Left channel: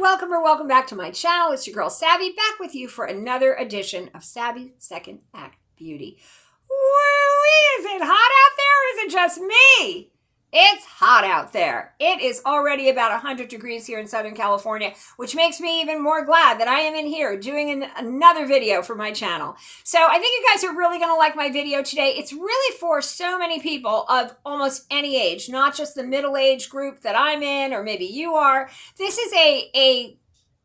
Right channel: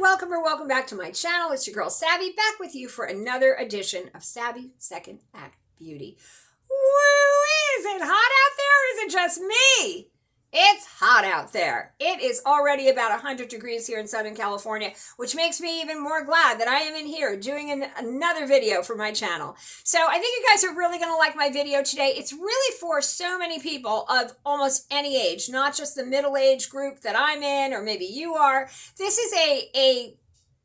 welcome back to my channel. It's your girl Savvy back with you for another edition of Savvy Second Act Beauty. Woo! Is it hot out there or is it just me? It's hot out there. It is already about 100 degrees here in Southern California, which makes me even more glad that I am in here doing another video for my channel. So I think you guys are really going to like my video today. It's really for so many people of almost any age, not just the middle-age group that I'm in or maybe you are. This is a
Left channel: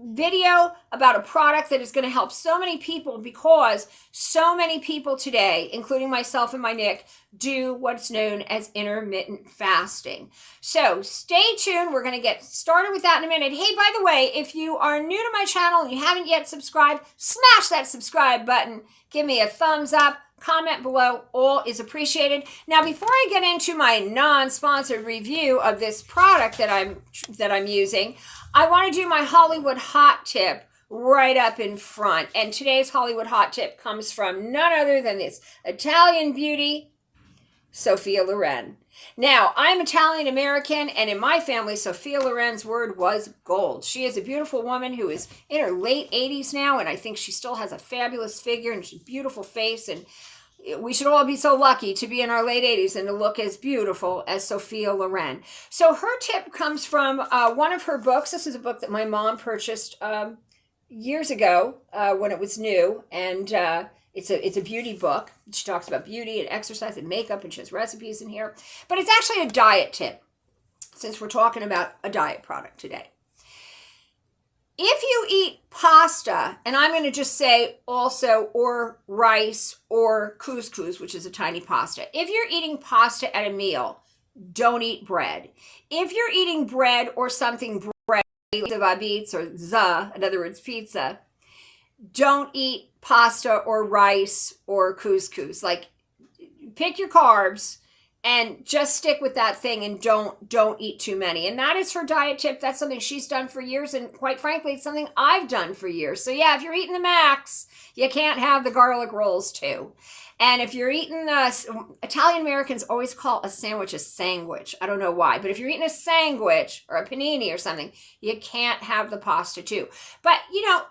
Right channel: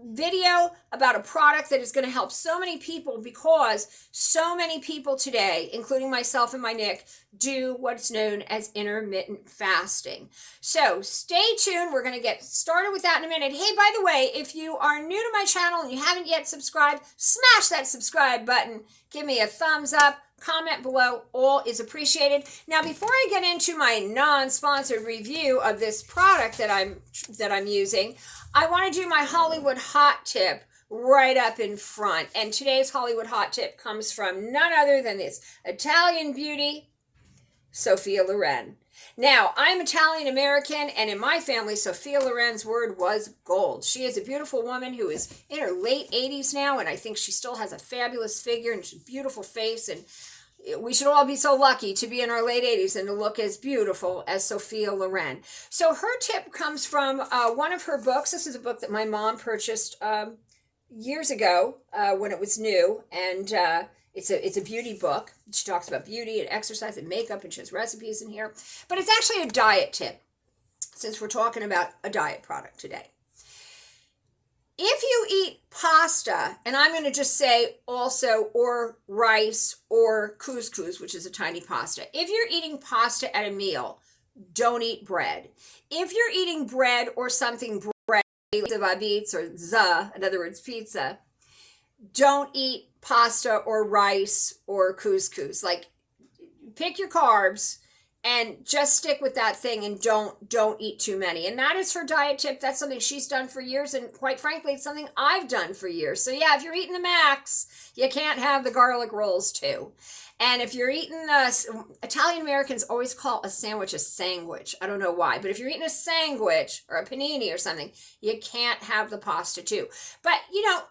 video about a product that is going to help so many people because so many people today, including myself and my Nick, do what's known as intermittent fasting. So stay tuned. We're going to get started with that in a minute. Hey, by the way, if you are new to my channel and you haven't yet subscribed, smash that subscribe button. Give me a thumbs up. Comment below. All is appreciated. Now, before I get into my non-sponsored review of this product that I'm using, I want to do my Hollywood hot tip right up in front. And today's Hollywood hot tip comes from none other than this Italian beauty, Sophia Loren. Now, I'm Italian American, and in my family, Sophia Loren's word was gold. She is a beautiful woman who is in her late 80s now, and I think she still has a fabulous figure and a beautiful face, and we should all be so lucky to be in our late 80s and to look as beautiful as Sophia Loren. So her tip comes from one of her books. This is a book that my mom purchased years ago when it was new, and it's a beauty book. She talks about beauty and exercise and makeup, and she has recipes in here. But it's actually a diet tip, since we're talking about a diet product today. If you eat pasta, and I'm going to just say also, or rice, or couscous, which is a tiny pasta. If you're eating pasta at a meal, don't eat bread. If you're eating bread or something bread, like or za, in other words, pizza, don't eat pasta or rice or couscous. Like, pick your carbs and just stick with that thing and don't eat too many. And that is her diet tip. That's something she's done for years, and quite frankly, it's something I've done for years. So yeah, if you're eating the max, you can't have the garlic rolls too. And if you're eating Italian Americans always call a sandwich a sandwich. I don't know why, but if you're eating a sandwich or a panini or something, you can't have the pasta too. But you know,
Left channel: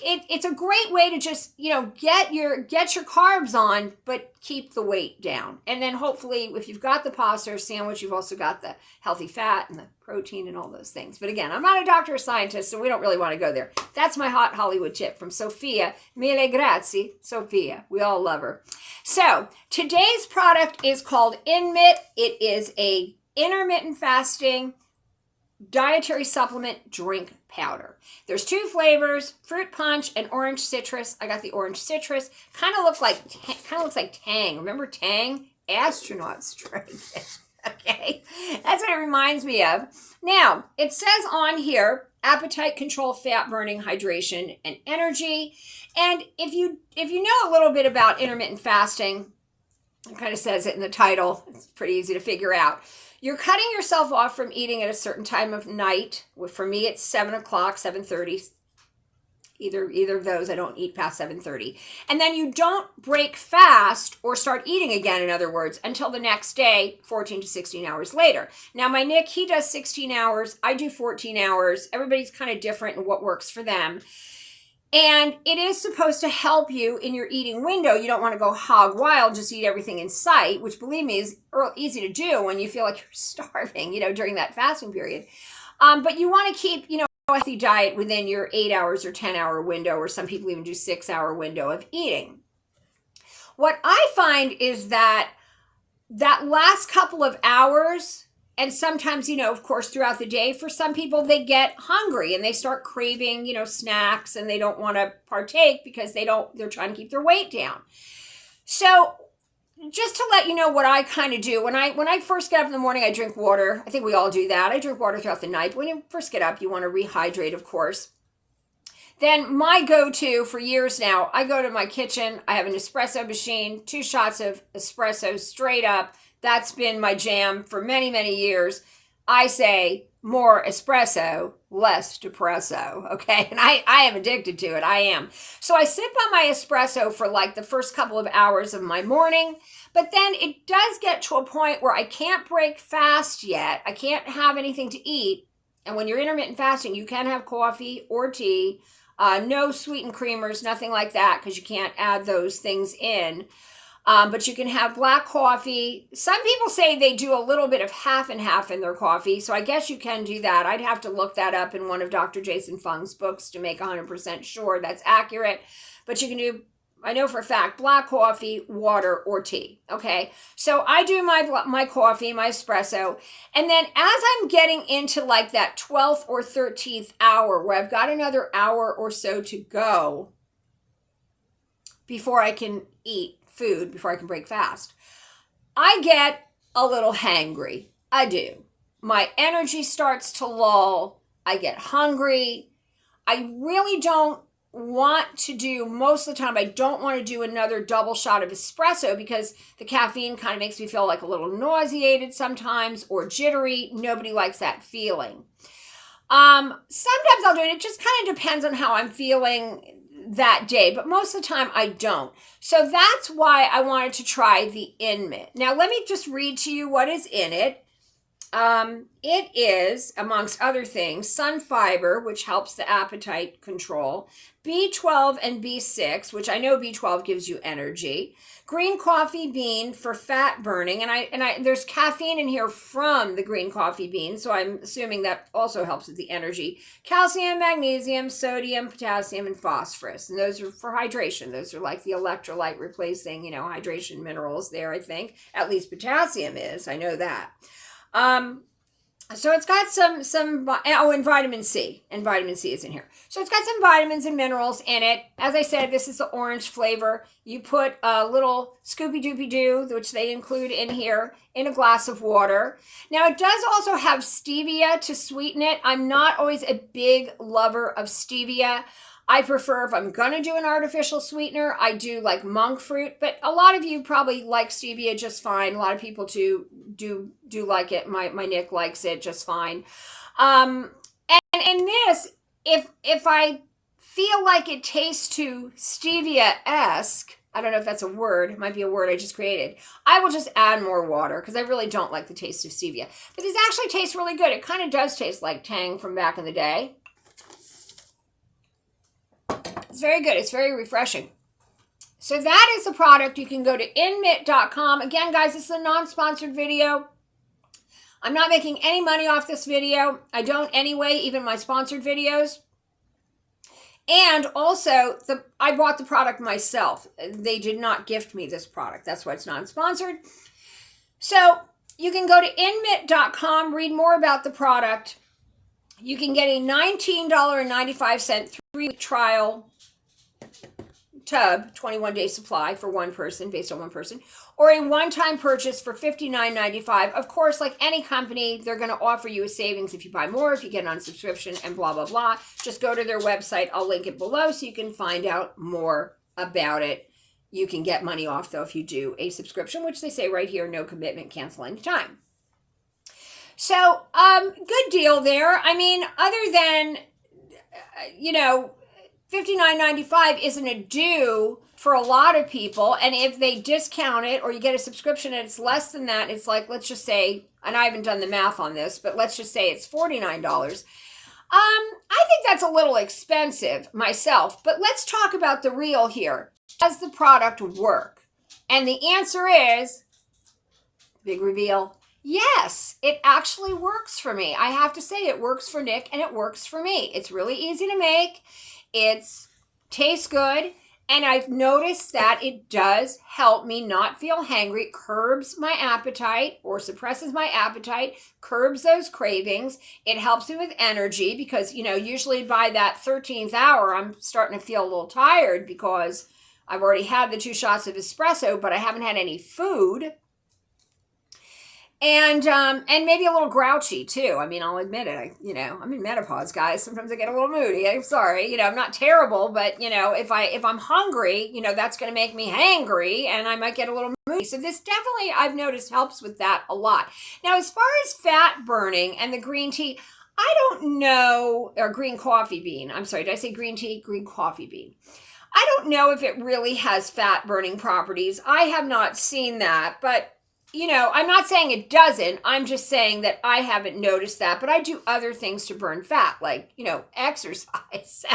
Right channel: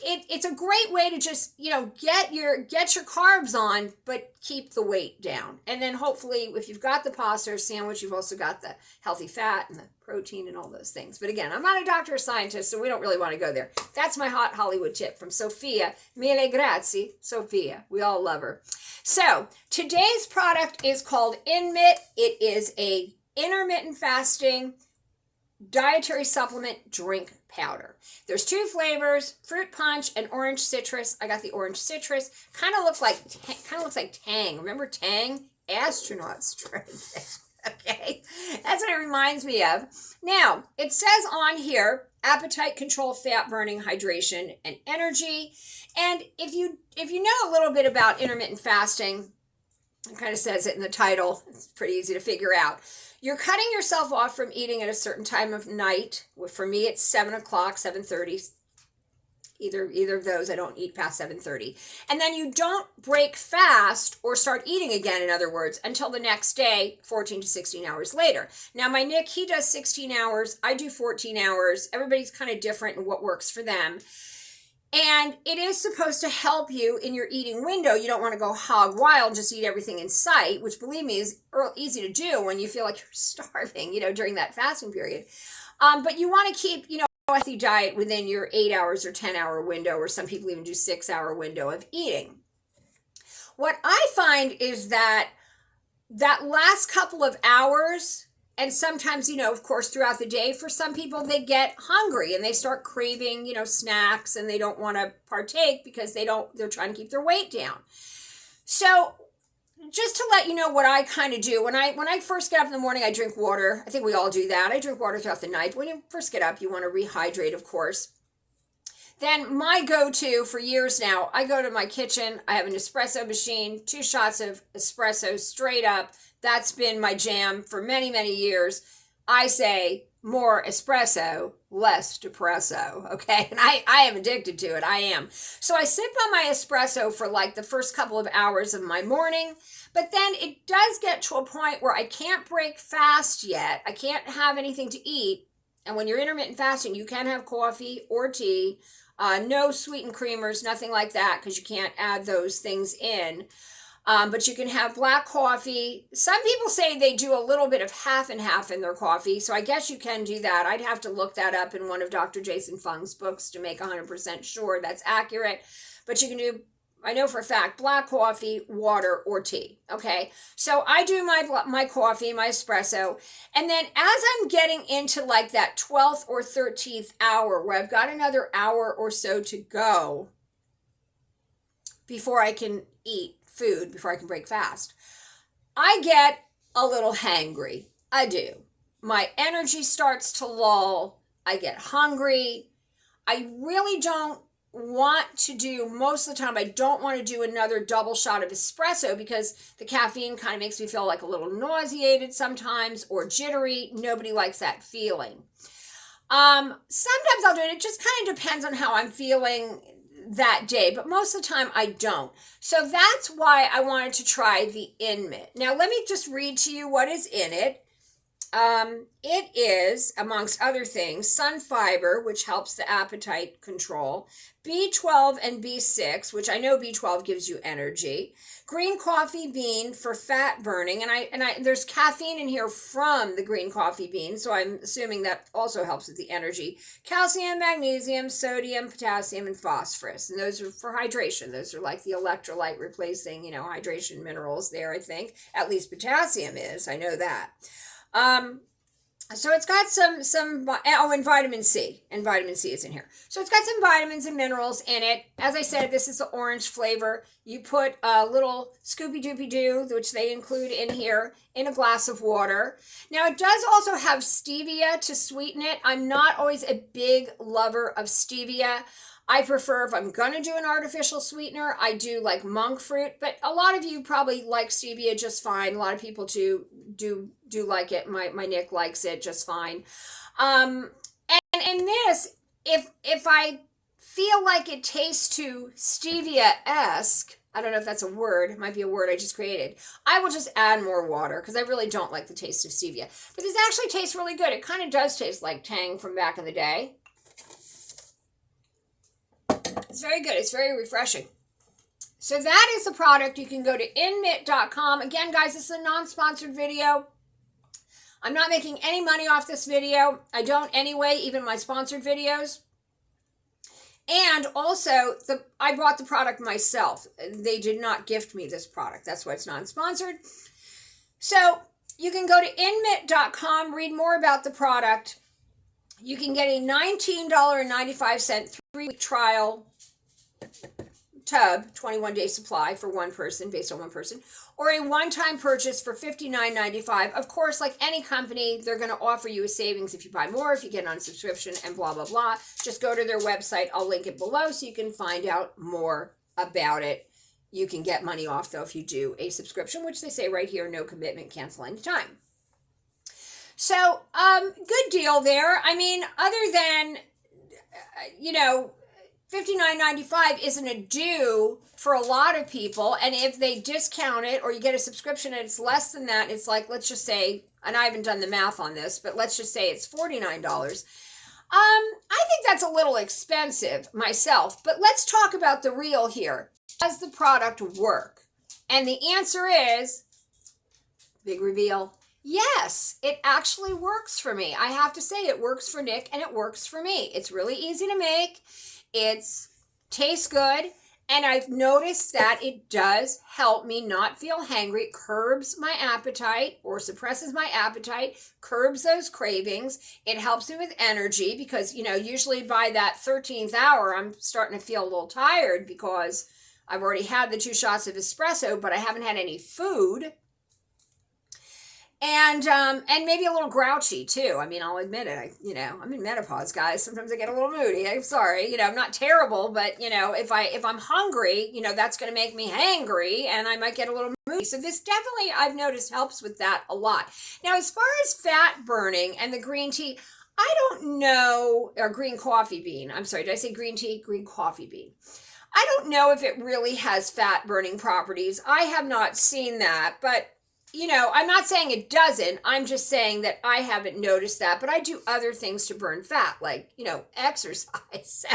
it's a great way to just, you know, get your carbs on, but keep the weight down. And then hopefully, if you've got the pasta or sandwich, you've also got the healthy fat and the protein and all those things. But again, I'm not a doctor or scientist, so we don't really want to go there. That's my hot Hollywood tip from Sophia. Mille grazie, Sophia. We all love her. So today's product is called InMit. It is a intermittent fasting dietary supplement drink powder. There's two flavors, fruit punch and orange citrus. I got the orange citrus. Kind of looks like Tang. Remember Tang? Astronauts drink it. Okay, that's what it reminds me of. Now, it says on here, appetite control, fat burning, hydration, and energy. And if you know a little bit about intermittent fasting, it kind of says it in the title. It's pretty easy to figure out. You're cutting yourself off from eating at a certain time of night. For me, it's 7 o'clock, 7:30. Either of those, I don't eat past 7:30. And then you don't break fast or start eating again, in other words, until the next day, 14 to 16 hours later. Now, my Nick, he does 16 hours. I do 14 hours. Everybody's kind of different in what works for them. And it is supposed to help you in your eating window. You don't want to go hog wild, just eat everything in sight, which, believe me, is easy to do when you feel like you're starving, you know, during that fasting period. But you want to keep, you know, a healthy diet within your 8 hours or 10-hour window, or some people even do 6-hour window of eating. What I find is that last couple of hours, and sometimes, you know, of course, throughout the day, for some people, they get hungry and they start craving, you know, snacks, and they don't want to partake because they're trying to keep their weight down. So just to let you know what I kind of do, when I first get up in the morning, I drink water. I think we all do that. I drink water throughout the night. When you first get up, you want to rehydrate, of course. Then my go-to for years now, I go to my kitchen. I have an espresso machine, 2 shots of espresso straight up. That's been my jam for many, many years. I say more espresso, less depresso, okay? And I am addicted to it, I am. So I sip on my espresso for like the first couple of hours of my morning, but then it does get to a point where I can't break fast yet. I can't have anything to eat And when you're intermittent fasting, you can have coffee or tea, no sweetened creamers, nothing like that, because you can't add those things in. But you can have black coffee. Some people say they do a little bit of half and half in their coffee. So I guess you can do that. I'd have to look that up in one of Dr. Jason Fung's books to make 100% sure that's accurate. But you can do, I know for a fact, black coffee, water, or tea. Okay. So I do my coffee, my espresso. And then as I'm getting into like that 12th or 13th hour where I've got another hour or so to go before I can eat food, before I can break fast, I get a little hangry. I do. My energy starts to lull. I get hungry. I really don't want to do, most of the time, I don't want to do another double shot of espresso because the caffeine kind of makes me feel like a little nauseated sometimes or jittery. Nobody likes that feeling. Sometimes I'll do it. It just kind of depends on how I'm feeling that day, but most of the time I don't. So that's why I wanted to try the InMit. Now let me just read to you what is in it. It is, amongst other things, sun fiber, which helps the appetite control, B12 and B6, which I know B12 gives you energy, green coffee bean for fat burning, and there's caffeine in here from the green coffee bean, so I'm assuming that also helps with the energy, calcium, magnesium, sodium, potassium, and phosphorus, and those are for hydration. Those are like the electrolyte replacing, hydration minerals there, I think. At least potassium is, I know that. So it's got and vitamin C, and vitamin C is in here. So it's got some vitamins and minerals in it. As I said, this is the orange flavor. You put a little Scoopy Doopy Doo, which they include in here, in a glass of water. Now it does also have stevia to sweeten it. I'm not always a big lover of stevia. I prefer, if I'm going to do an artificial sweetener, I do like monk fruit, but a lot of you probably like stevia just fine. A lot of people do like it. My Nick likes it just fine. And in this, if I feel like it tastes too stevia-esque, I don't know if that's a word, it might be a word I just created, I will just add more water because I really don't like the taste of stevia. But this actually tastes really good. It kind of does taste like Tang from back in the day. It's very good. It's very refreshing. So that is the product. You can go to InMit.com. Again, guys, this is a non-sponsored video. I'm not making any money off this video. I don't anyway, even my sponsored videos. And also, I bought the product myself. They did not gift me this product. That's why it's non-sponsored. So you can go to InMit.com, read more about the product. You can get a $19.95 3-week trial tub, 21-day supply for one person, based on one person, or a one-time purchase for $59.95. Of course, like any company, they're going to offer you a savings if you buy more, if you get on a subscription, and blah, blah, blah. Just go to their website. I'll link it below so you can find out more about it. You can get money off, though, if you do a subscription, which they say right here, no commitment, cancel anytime. So, good deal there. I mean, other than, $59.95 isn't a due for a lot of people. And if they discount it or you get a subscription and it's less than that, it's like, let's just say, and I haven't done the math on this, but let's just say it's $49. I think that's a little expensive myself, but let's talk about the real here. Does the product work? And the answer is, big reveal, yes, it actually works for me. I have to say it works for Nick and it works for me. It's really easy to make. It tastes good. And I've noticed that it does help me not feel hangry. It curbs my appetite or suppresses my appetite, curbs those cravings. It helps me with energy because, usually by that 13th hour, I'm starting to feel a little tired because I've already had the 2 shots of espresso, but I haven't had any food. And maybe a little grouchy too. I mean, I'll admit it. I'm in menopause, guys. Sometimes I get a little moody. I'm sorry. I'm not terrible, but if I'm hungry, that's going to make me hangry and I might get a little moody. So this definitely, I've noticed, helps with that a lot. Now, as far as fat burning and the green tea, I don't know, or green coffee bean. I'm sorry, did I say green tea? Green coffee bean. I don't know if it really has fat burning properties. I have not seen that, but I'm not saying it doesn't. I'm just saying that I haven't noticed that, but I do other things to burn fat, like, exercise. So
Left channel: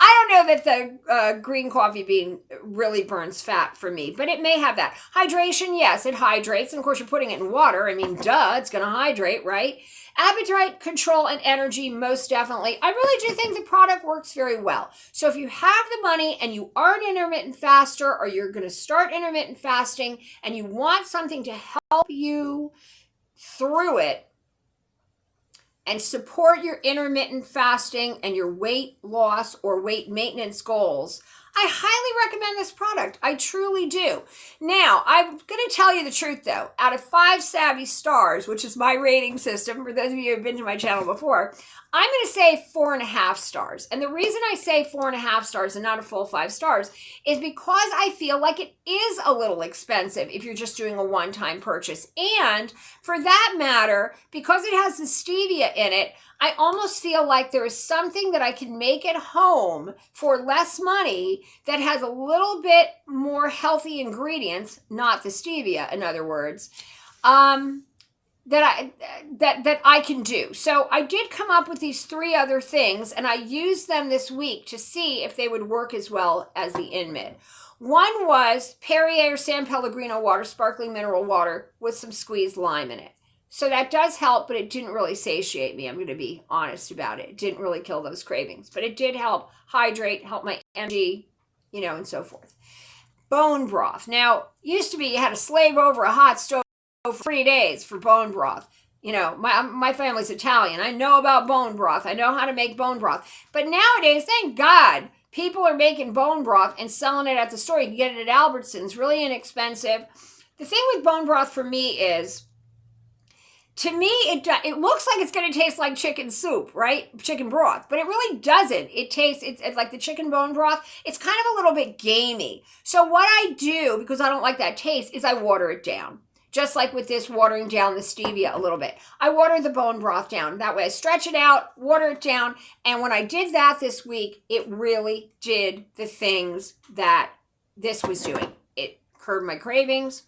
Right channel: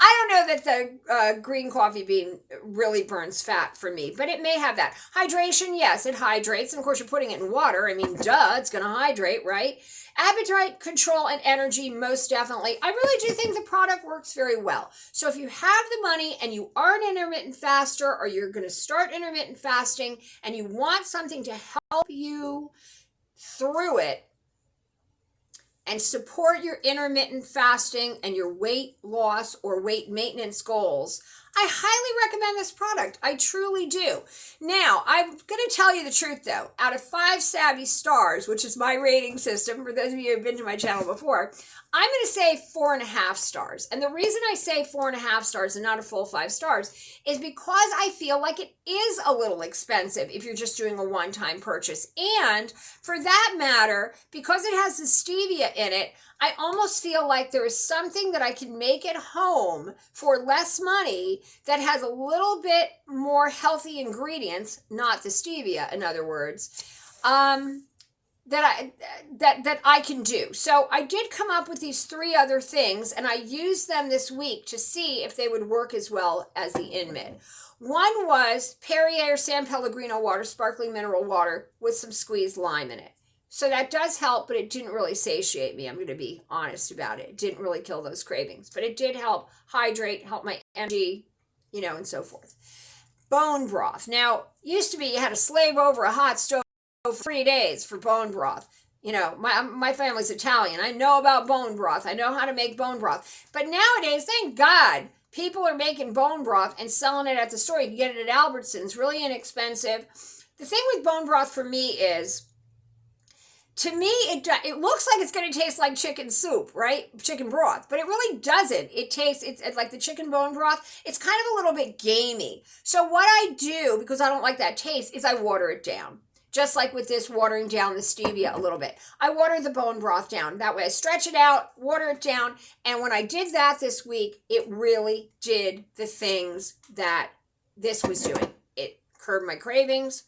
I don't know that the green coffee bean really burns fat for me, but it may have that. Hydration, yes, it hydrates. And of course, you're putting it in water. I mean, duh, it's going to hydrate, right? Appetite control and energy, most definitely. I really do think the product works very well. So if you have the money and you are an intermittent faster, or you're going to start intermittent fasting and you want something to help you through it and support your intermittent fasting and your weight loss or weight maintenance goals, I highly recommend this product. I truly do. Now, I'm going to tell you the truth, though. Out of 5 Savvy stars, which is my rating system, for those of you who have been to my channel before, I'm going to say 4.5 stars. And the reason I say 4.5 stars and not a full 5 stars is because I feel like it is a little expensive if you're just doing a one-time purchase. And for that matter, because it has the stevia in it, I almost feel like there is something that I can make at home for less money that has a little bit more healthy ingredients, not the stevia, in other words, that I can do. So I did come up with these 3 other things, and I used them this week to see if they would work as well as the InMit. One was Perrier San Pellegrino water, sparkling mineral water with some squeezed lime in it. So that does help, but it didn't really satiate me. I'm going to be honest about it. It didn't really kill those cravings, but it did help hydrate, help my energy, and so forth. Bone broth. Now, used to be you had to slave over a hot stove for 3 days for bone broth. My family's Italian. I know about bone broth. I know how to make bone broth. But nowadays, thank God, people are making bone broth and selling it at the store. You can get it at Albertsons, really inexpensive. The thing with bone broth for me is, to me, it looks like it's going to taste like chicken soup, right? Chicken broth, but it really doesn't. It's like the chicken bone broth. It's kind of a little bit gamey. So what I do, because I don't like that taste, is I water it down. Just like with this, watering down the stevia a little bit. I water the bone broth down. That way I stretch it out, water it down. And when I did that this week, it really did the things that this was doing. It curbed my cravings,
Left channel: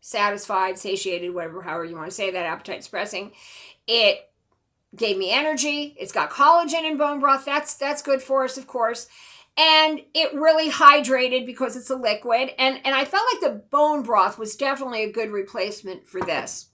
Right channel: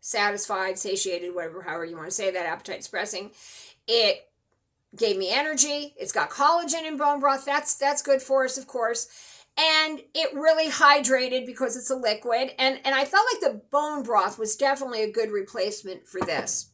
satisfied, satiated, however you want to say that, appetite suppressing. It gave me energy. It's got collagen in bone broth. That's good for us, of course. And it really hydrated because it's a liquid. And I felt like the bone broth was definitely a good replacement for this.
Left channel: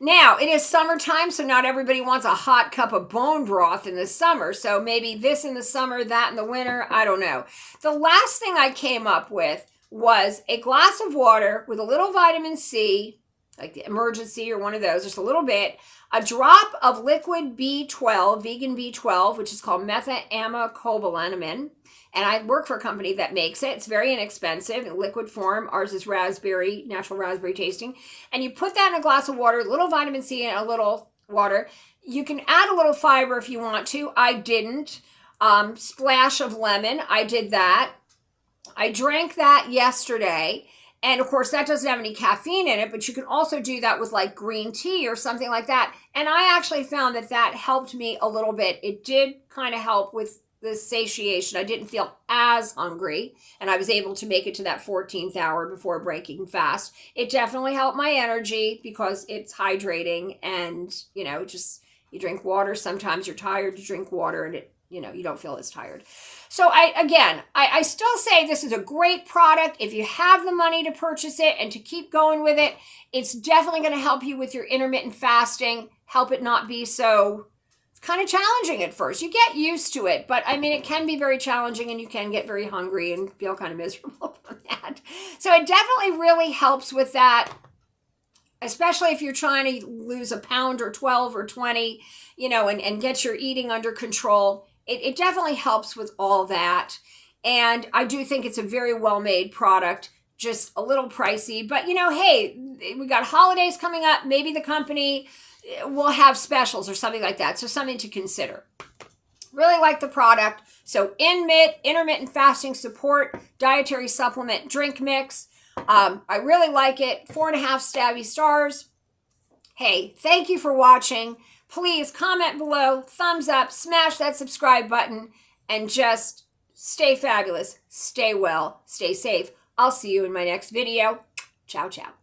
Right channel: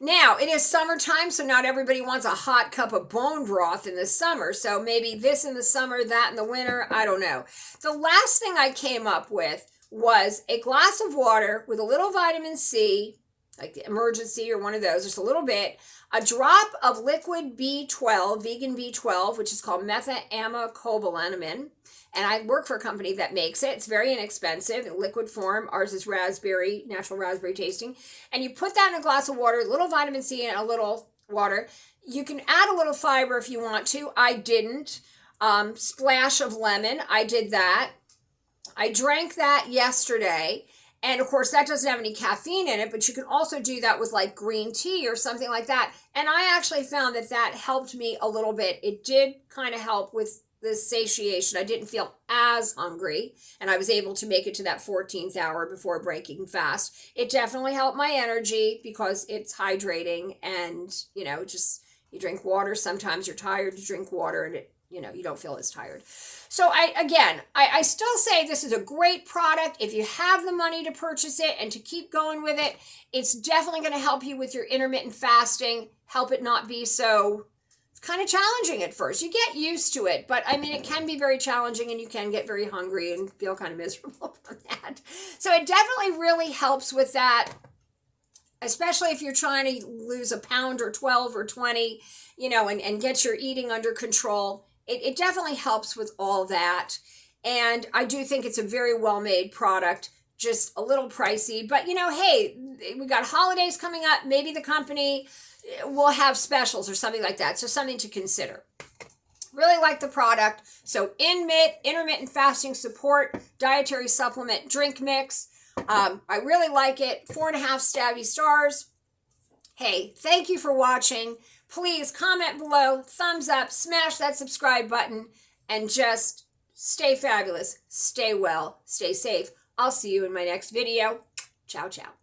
Now, it is summertime, so not everybody wants a hot cup of bone broth in the summer. So maybe this in the summer, that in the winter, I don't know. The last thing I came up with was a glass of water with a little vitamin C, like the Emergency or one of those, just a little bit, a drop of liquid B12, vegan B12, which is called methammocobalamin. And I work for a company that makes it. It's very inexpensive in liquid form. Ours is raspberry, natural raspberry tasting. And you put that in a glass of water, a little vitamin C and a little water. You can add a little fiber if you want to. I didn't. Splash of lemon. I did that. I drank that yesterday. And of course, that doesn't have any caffeine in it, but you can also do that with like green tea or something like that. And I actually found that helped me a little bit. It did kind of help with the satiation. I didn't feel as hungry, and I was able to make it to that 14th hour before breaking fast. It definitely helped my energy because it's hydrating, and you drink water. Sometimes you're tired, you drink water, and you don't feel as tired. So I still say this is a great product. If you have the money to purchase it and to keep going with it, it's definitely going to help you with your intermittent fasting, help it not be so, it's kind of challenging at first. You get used to it, but it can be very challenging, and you can get very hungry and feel kind of miserable from that. So it definitely really helps with that, especially if you're trying to lose a pound or 12 or 20, and get your eating under control. It definitely helps with all that. And I do think it's a very well-made product, just a little pricey. But, hey, we got holidays coming up. Maybe the company will have specials or something like that. So something to consider. Really like the product. So InMit, Intermittent Fasting Support, Dietary Supplement Drink Mix. I really like it. 4.5 Savvy stars. Hey, thank you for watching. Please comment below, thumbs up, smash that subscribe button, and just stay fabulous, stay well, stay safe. I'll see you in my next video. Ciao, ciao.